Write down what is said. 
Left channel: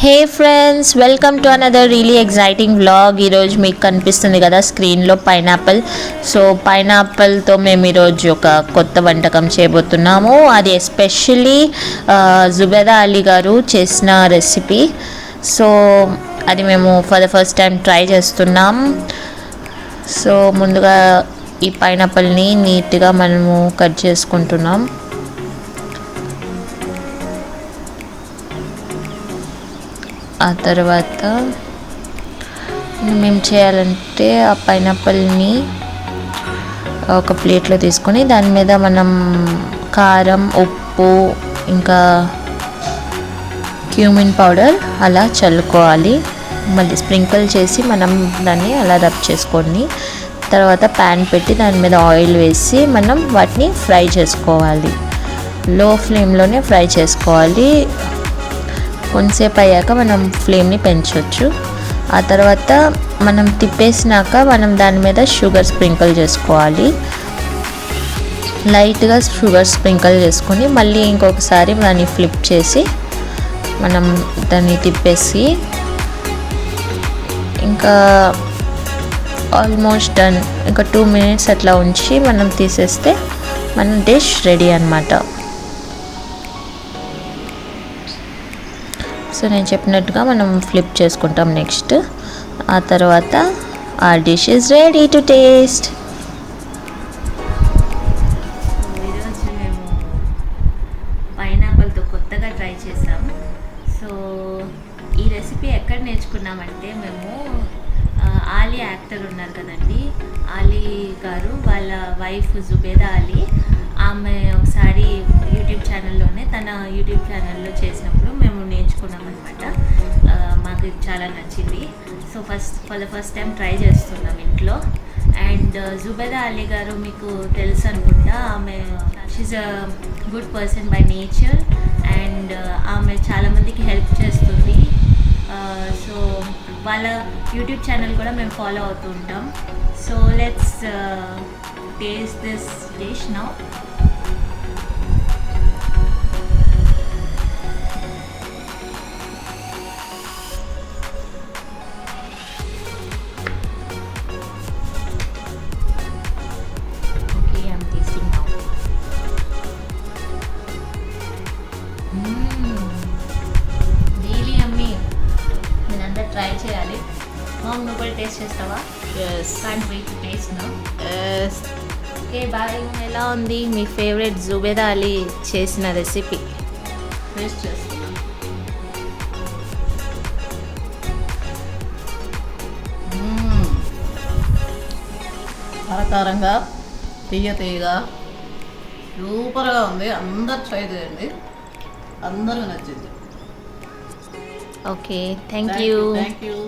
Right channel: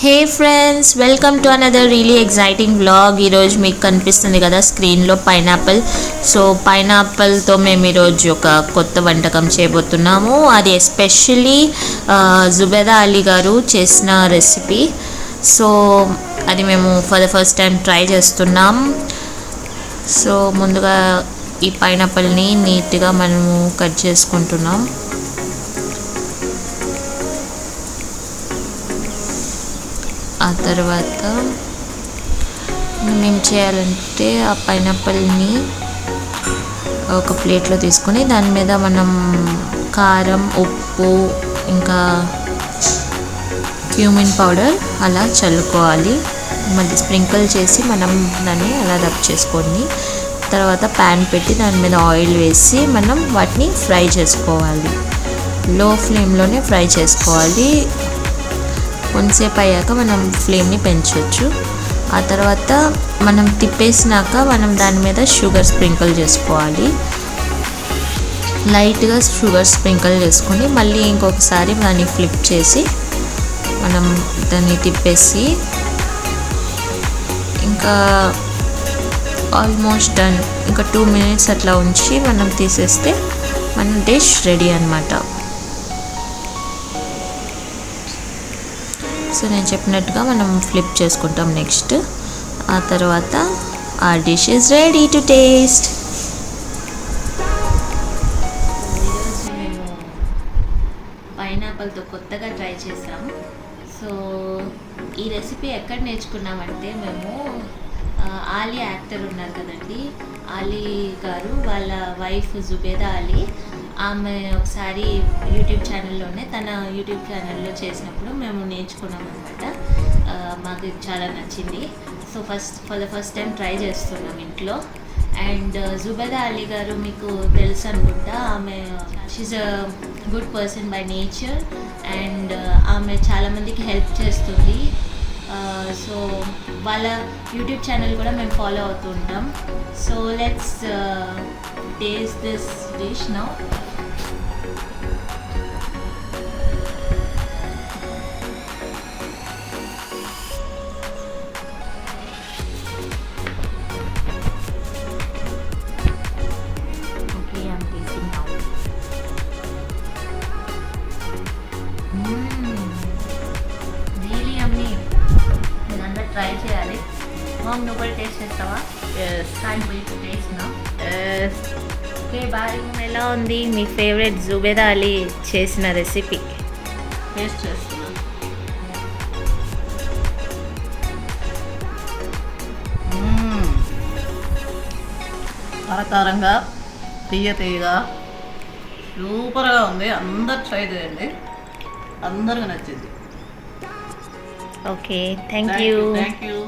Hey friends, welcome to another really exciting vlog. ఈరోజు మీకు కనిపిస్తుంది కదా స్క్రీన్లో పైనాపిల్. సో పైనాపిల్తో మేము ఈరోజు ఒక కొత్త వంటకం చేయబోతున్నాము. అది ఎస్పెషల్లీ జుబేదా అలీ గారు చేసిన రెసిపీ. సో అది మేము for the first time try చేస్తున్నాం. సో ముందుగా ఈ పైనాపిల్ని నీట్గా మనము కట్ చేసుకుంటున్నాం. ఆ తర్వాత మనం ఏం చేయాలంటే ఆ పైనాపిల్ని ఒక ప్లేట్లో తీసుకొని దాని మీద మనం కారం, ఉప్పు, ఇంకా క్యూమిన్ పౌడర్ అలా చల్లుకోవాలి. మళ్ళీ స్ప్రింకిల్ చేసి మనం దాన్ని అలా రబ్ చేసుకోండి. తర్వాత ప్యాన్ పెట్టి దాని మీద ఆయిల్ వేసి మనం వాటిని ఫ్రై చేసుకోవాలి. లో ఫ్లేమ్లోనే ఫ్రై చేసుకోవాలి. కొంతసేపు అయ్యాక మనం ఫ్లేమ్ని పెంచవచ్చు. ఆ తర్వాత మనం తిప్పేసినాక మనం దాని మీద షుగర్ స్ప్రింకిల్ చేసుకోవాలి. లైట్గా షుగర్ స్ప్రింకిల్ చేసుకొని మళ్ళీ ఇంకొకసారి దాన్ని ఫ్లిప్ చేసి మనం దాన్ని తిప్పేసి ఇంకా ఆల్మోస్ట్ డన్. ఇంకా 2 minutes అట్లా ఉంచి మనం తీసేస్తే మన డిష్ రెడీ అన్నమాట. సో నేను చెప్పినట్టుగా మనం ఫ్లిప్ చేసుకుంటాం నెక్స్ట్. ఆ తర్వాత ఆ dish is ready to taste. ఈరోజు మేము పైనాపిల్తో కొత్తగా ట్రై చేసాం. సో ఈ రెసిపీ ఎక్కడ నేర్చుకున్నామంటే మేము ఆలీ యాక్టర్ ఉన్నారు కదండి, ఆలీ గారు వాళ్ళ వైఫ్ జుబేదా అలీ, ఆమె ఒకసారి యూట్యూబ్ ఛానల్లోనే తన యూట్యూబ్ ఛానల్లో చేసినప్పుడు మేము నేర్చుకున్నాం అనమాట. మాకు చాలా నచ్చింది. So for the first time try చేస్తున్నాం ఇంట్లో. అండ్ జుబేదా అలీ గారు మీకు తెలుసు అనుకుంటా. ఆమె she's a good person by nature and ఆమె చాలామందికి హెల్ప్ చేస్తుంది. సో వాళ్ళ యూట్యూబ్ ఛానల్ కూడా మేము ఫాలో అవుతూ ఉంటాం. So let's taste this dish now. Really yummy. మీరందరూ ట్రై చేయాలి. మామ్, నువ్వు కూడా టేస్ట్ చేస్తావా? Can't wait to taste now. Okay bye. ఎలా ఉంది మీ ఫేవరెట్ జుబేదా అలీ చేసిన రెసిపీ? టేస్ట్ చేస్తున్నా. కారకారంగా, తీయగా సూపర్గా ఉంది. అందరు ట్రై చేయండి, అందరికి నచ్చింది. Okay, thank you. Thank you.